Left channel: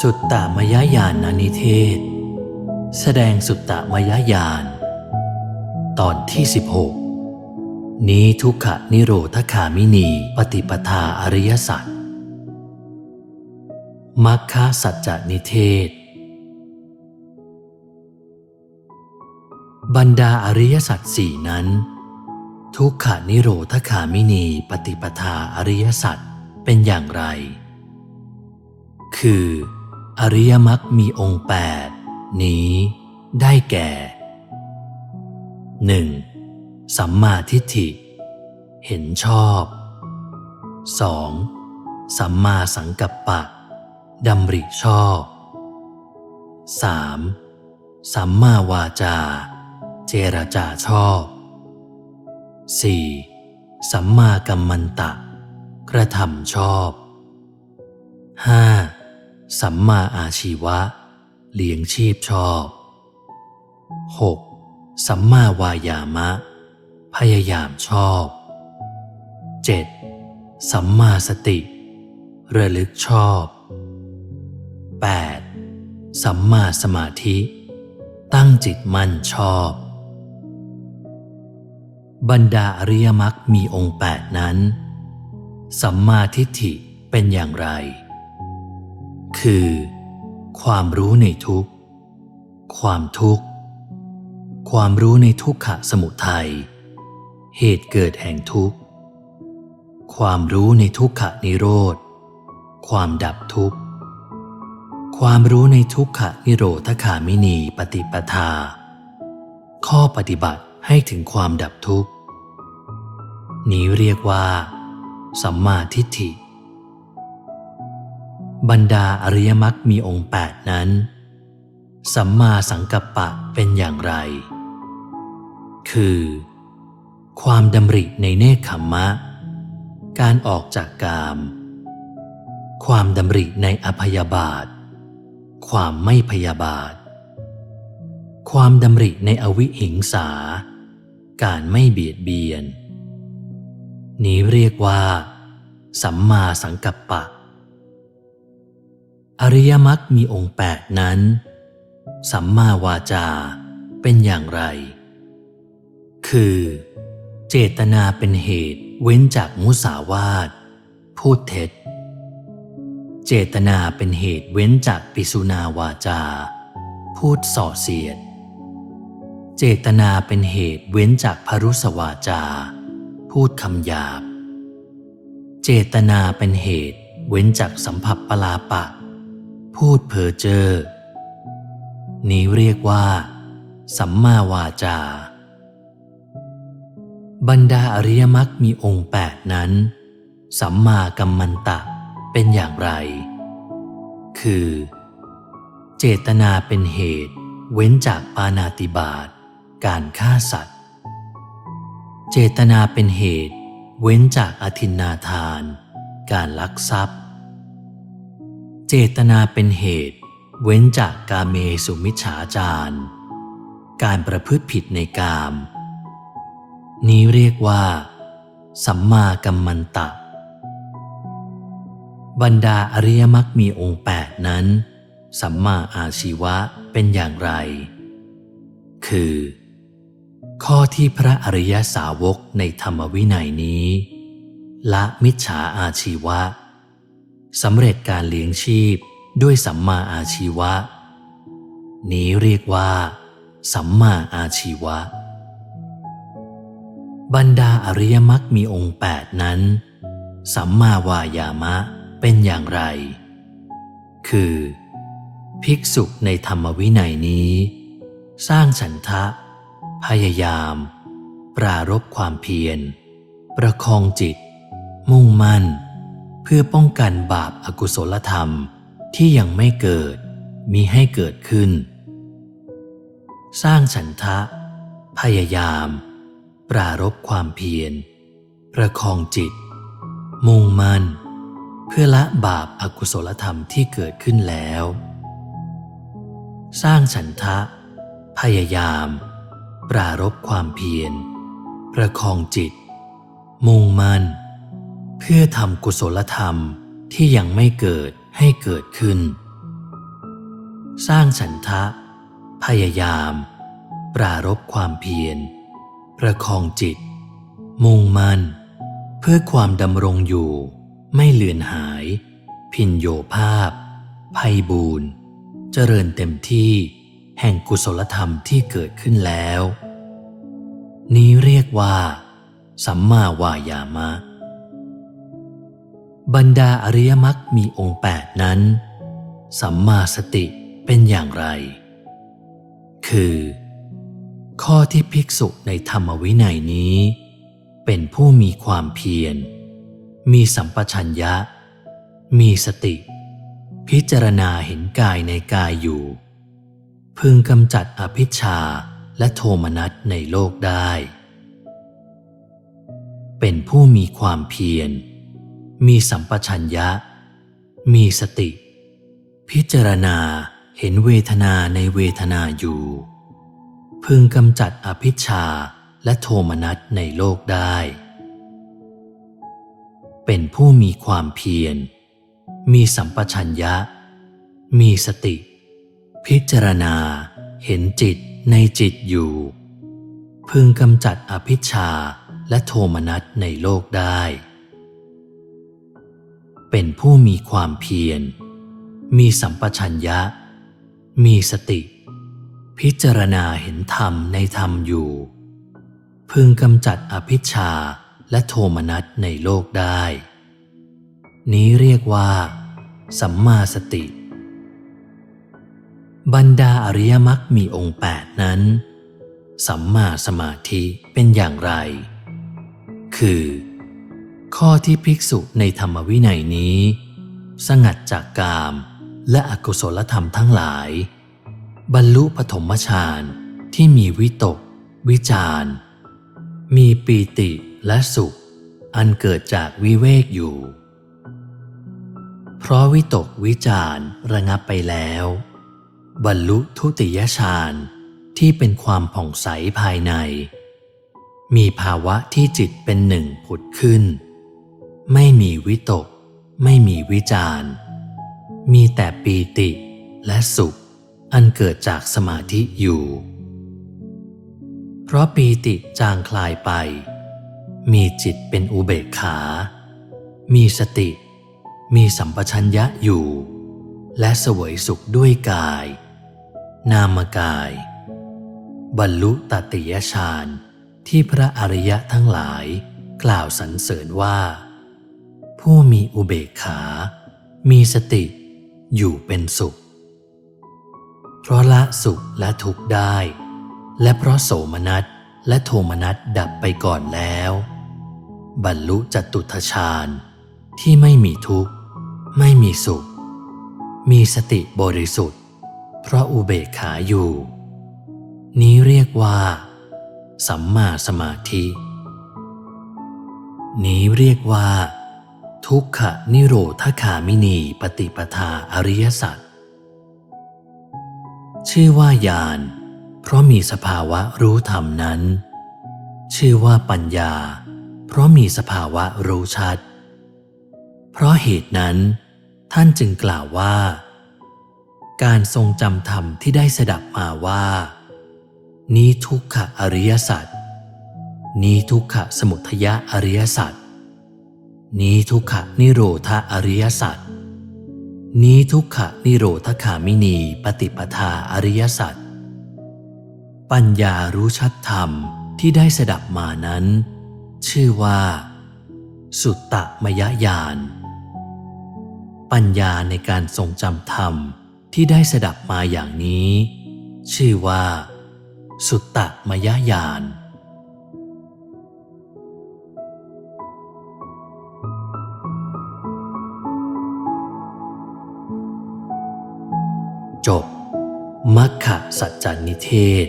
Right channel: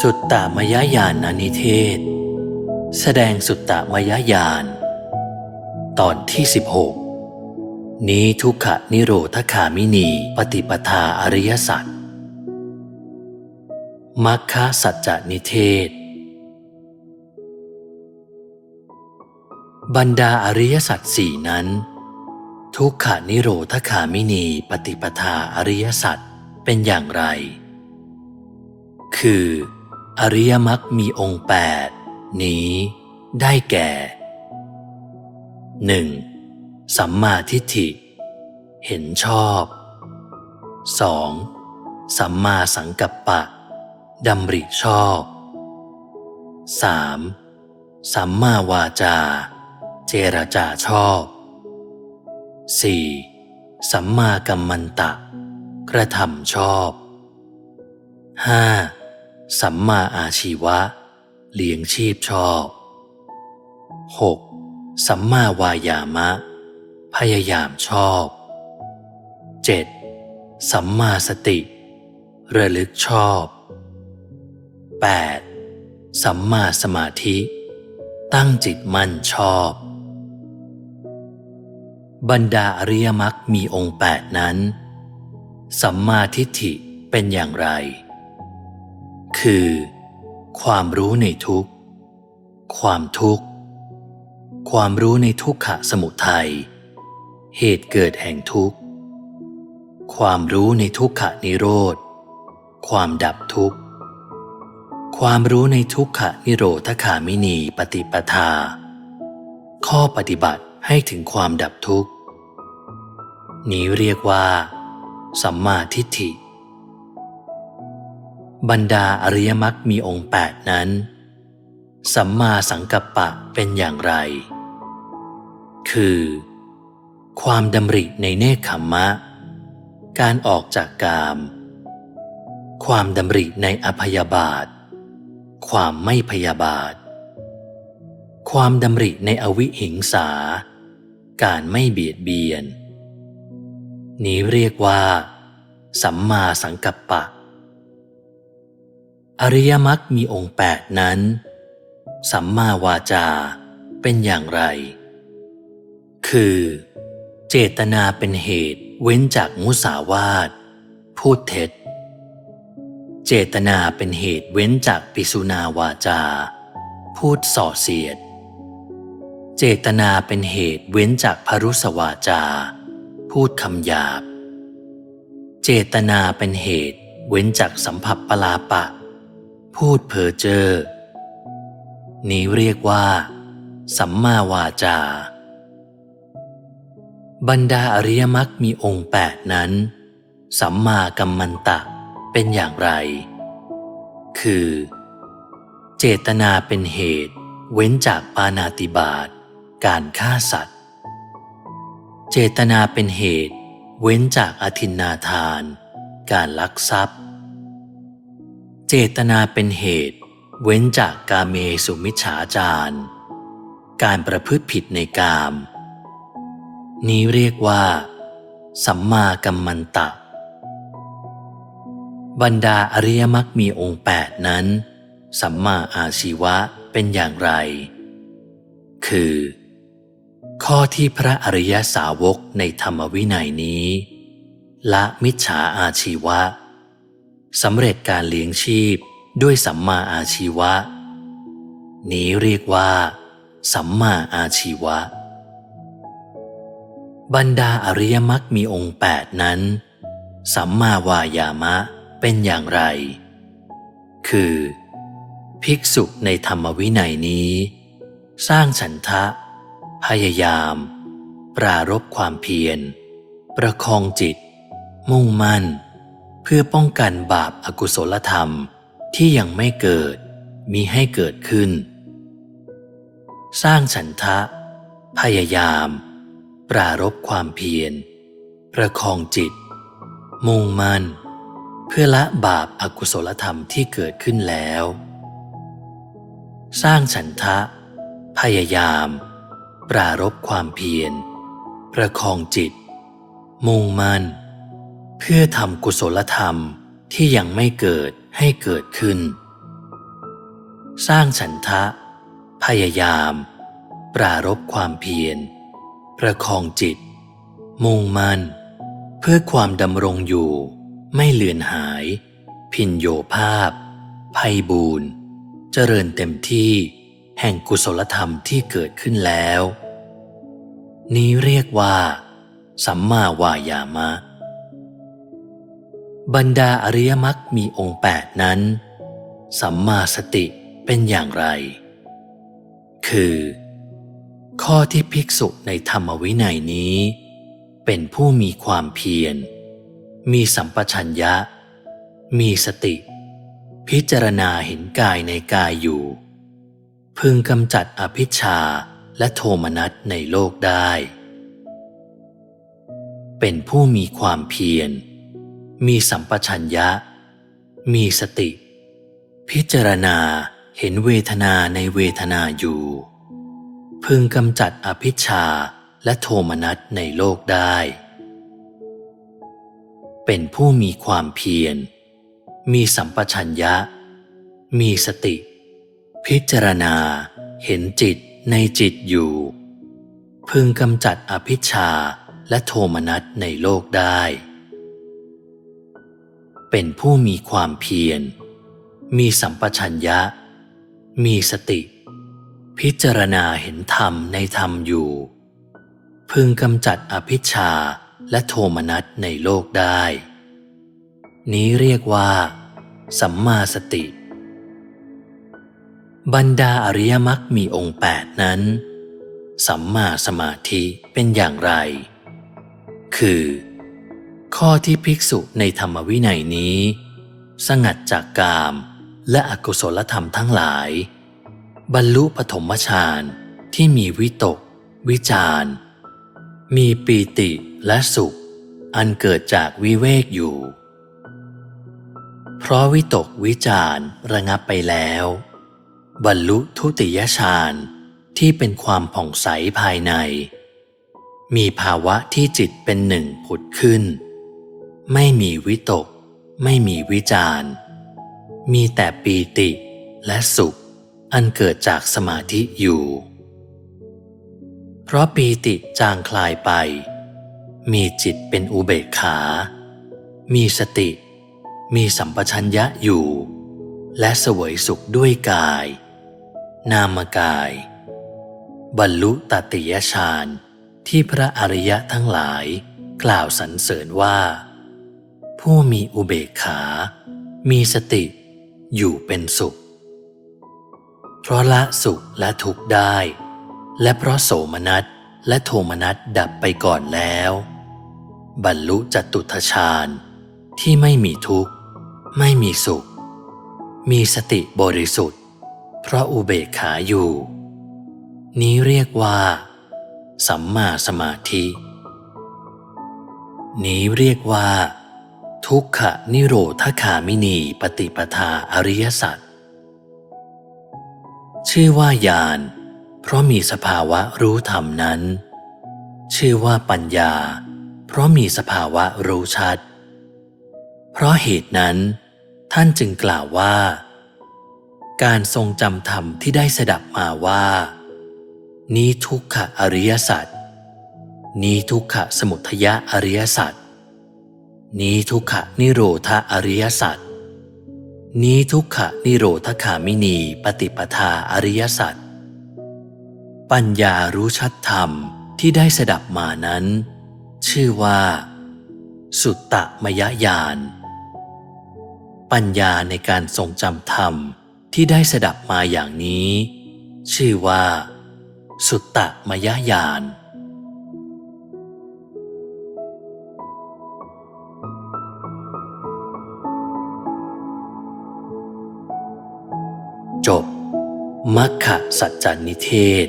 สุตตมยญาณนิเทศ แสดงสุตตมยญาณตอนที่ 16 นี้ทุกขนิโรธคามินีปฏิปทาอริยสัจมัคคสัจจนิเทศ บรรดาอริยสัจสี่นั้น ทุกขานิโรธคามินีปฏิปทาอริยสัจเป็นอย่างไร คือ อริยมรรคมีองค์แปดนี้ ได้แก่ 1. สัมมาทิฏฐิ เห็นชอบ 2. สัมมาสังกัปปะดำริชอบ 3. สัมมาวาจา เจรจาชอบ 4. สัมมากัมมันตะ กระทำชอบ 5. สัมมาอาชีวะ เลี้ยงชีพชอบ 6. สัมมาวายามะ พยายามชอบ 7. สัมมาสติ ระลึกชอบ 8. สัมมาสมาธิ ตั้งจิตมั่นชอบ บรรดาอริยมรรคมีองค์แปดนั้น สัมมาทิฏฐิเป็นอย่างไร คือ ความรู้ในทุกข์ ความทุกข์ ความรู้ในทุกขะสมุทัย เหตุเกิดแห่งทุกข์ ความรู้ในทุกขะนิโรธ ความดับทุกข์ ความรู้ในทุกขะนิโรธคามินีปฏิปทา ข้อปฏิบัติให้ถึงความดับทุกข์ นี้เรียกว่า สัมมาทิฏฐิ บรรดาอริยมรรคมีองค์แปดนั้น สัมมาสังกัปปะเป็นอย่างไร คือ ความดำริในเนคขมมะ การออกจากกาม ความดำริในอภยาบาท ความไม่พยาบาท ความดำริในอวิหิงสา การไม่เบียดเบียน นี้เรียกว่า สัมมาสังกัปปะ อริยมรรคมีองค์แปดนั้น สัมมาวาจาเป็นอย่างไร คือ เจตนาเป็นเหตุเว้นจากมุสาวาท พูดเท็จ เจตนาเป็นเหตุเว้นจากปิสุนาวาจา พูดส่อเสียด เจตนาเป็นเหตุเว้นจากพรุสวาจา พูดคำหยาบ เจตนาเป็นเหตุเว้นจากสัมผัสปลาปะ พูดเพ้อเจ้อนี้เรียกว่า สัมมาวาจา บรรดาอริยมรรคมีองค์แปดนั้น สัมมากัมมันตะเป็นอย่างไร คือ เจตนาเป็นเหตุ เว้นจากปานาติบาตการฆ่าสัตว์ เจตนาเป็นเหตุ เว้นจากอธินนาทาน การลักทรัพย์ เจตนาเป็นเหตุ เว้นจากกาเมสุมิจฉาจารการประพฤติผิดในกาม นี้เรียกว่า สัมมากัมมันตะ บรรดาอริยมรรคมีองค์แปดนั้น สัมมาอาชีวะเป็นอย่างไร คือ ข้อที่พระอริยสาวกในธรรมวินัยนี้ ละมิจฉาอาชีวะ สำเร็จการเลี้ยงชีพด้วยสัมมาอาชีวะ นี้เรียกว่า สัมมาอาชีวะ บรรดาอริยมรรคมีองค์แปดนั้น สัมมาวายามะเป็นอย่างไร คือ ภิกษุในธรรมวินัยนี้ สร้างฉันทะ พยายาม ปรารบความเพียร ประคองจิต มุ่งมั่น พื่อป้องกันบาปอากุศลธรรมที่ยังไม่เกิดมีให้เกิดขึ้น สร้างฉันทะ พยายาม ปรารบความเพียร ประคองจิต มุ่งมั่น เพื่อละบาปอากุศลธรรมที่เกิดขึ้นแล้ว สร้างฉันทะ พยายาม ปรารบความเพียร ประคองจิต มุ่งมั่น พื่อทำกุศลธรรมที่ยังไม่เกิดให้เกิดขึ้น สร้างฉันทะ พยายาม ปรารบความเพียร ประคองจิต มุ่งมั่น เพื่อความดำรงอยู่ไม่เลือนหาย พินโยภาพ ภัยบูรณ์เจริญเต็มที่แห่งกุศลธรรมที่เกิดขึ้นแล้ว นี้เรียกว่า สัมมาวายามะ บรรดาอริยมรรคมีองค์แปดนั้น สัมมาสติเป็นอย่างไร คือ ข้อที่ภิกษุในธรรมวินัยนี้ เป็นผู้มีความเพียร มีสัมปชัญญะ มีสติ พิจารณาเห็นกายในกายอยู่ พึงกำจัดอภิชาและโทมนัสในโลกได้ เป็นผู้มีความเพียร มีสัมปชัญญะ มีสติ พิจารณาเห็นเวทนาในเวทนาอยู่ พึงกำจัดอภิชาและโทมนัสในโลกได้ เป็นผู้มีความเพียร มีสัมปชัญญะ มีสติ พิจารณาเห็นจิตในจิตอยู่ พึงกำจัดอภิชาและโทมนัสในโลกได้ เป็นผู้มีความเพียร มีสัมปชัญญะ มีสติ พิจารณาเห็นธรรมในธรรมอยู่ พึงกำจัดอภิชาและโทมนัสในโลกได้ นี้เรียกว่า สัมมาสติ บรรดาอริยมรรคมีองค์แปดนั้น สัมมาสมาธิเป็นอย่างไร คือ ข้อที่ภิกษุในธรรมวินัยนี้ สงัดจากกาม และอกุศลธรรมทั้งหลาย บรรลุปฐมฌานที่มีวิตก วิจารมีปีติและสุข อันเกิดจากวิเวกอยู่ เพราะวิตกวิจารระงับไปแล้ว บรรลุทุติยฌานที่เป็นความผ่องใสภายใน มีภาวะที่จิตเป็นหนึ่งผุดขึ้น ไม่มีวิตก ไม่มีวิจารมีแต่ปีติและสุข อันเกิดจากสมาธิอยู่ เพราะปีติจางคลายไป มีจิตเป็นอุเบกขา มีสติ มีสัมปชัญญะอยู่ และเสวยสุขด้วยกาย นามกาย บรรลุตติยฌานที่พระอริยะทั้งหลายกล่าวสรรเสริญว่า ผู้มีอุเบกขา มีสติ อยู่เป็นสุข เพราะละสุขและทุกข์ได้ และเพราะโสมนัสและโทมนัสดับไปก่อนแล้ว บรรลุจตุทชาญที่ไม่มีทุกข์ ไม่มีสุข มีสติบริสุทธิ์ เพราะอุเบกขาอยู่ นี้เรียกว่า สัมมาสมาธิ นี้เรียกว่า ทุกขนิโรธคามินีปฏิปทาอริยสัจชื่อว่าญาณเพราะมีสภาวะรู้ธรรมนั้น ชื่อว่าปัญญา เพราะมีสภาวะรู้ชัด เพราะเหตุนั้น ท่านจึงกล่าวว่า การทรงจำธรรมที่ได้สดับมาว่า นี้ทุกขอริยสัจนี้ทุกขสมุทยะอริยสัจ นี้ทุกขนิโรธอริยสัจนี้ทุกขนิโรธคามินีปฏิปทาอริยสัจปัญญารู้ชัดธรรมที่ได้สดับมานั้น ชื่อว่า สุตตมยญาณปัญญาในการทรงจำธรรมที่ได้สดับมาอย่างนี้ ชื่อว่า สุตตมยญาณ จบ มัคคะสัจจานิเทศ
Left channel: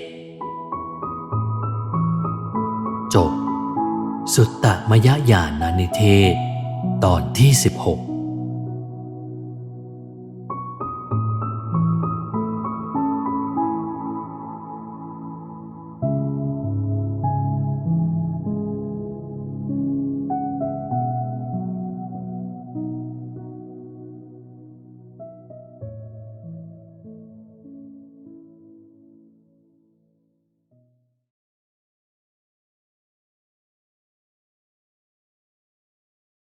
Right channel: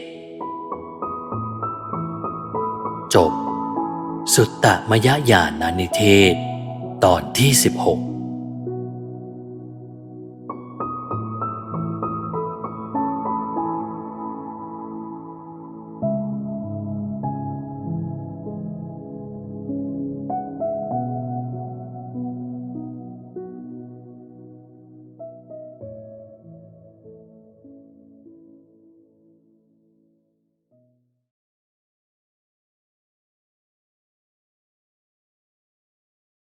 จบ สุตตมยญาณนิเทศ ตอนที่ 16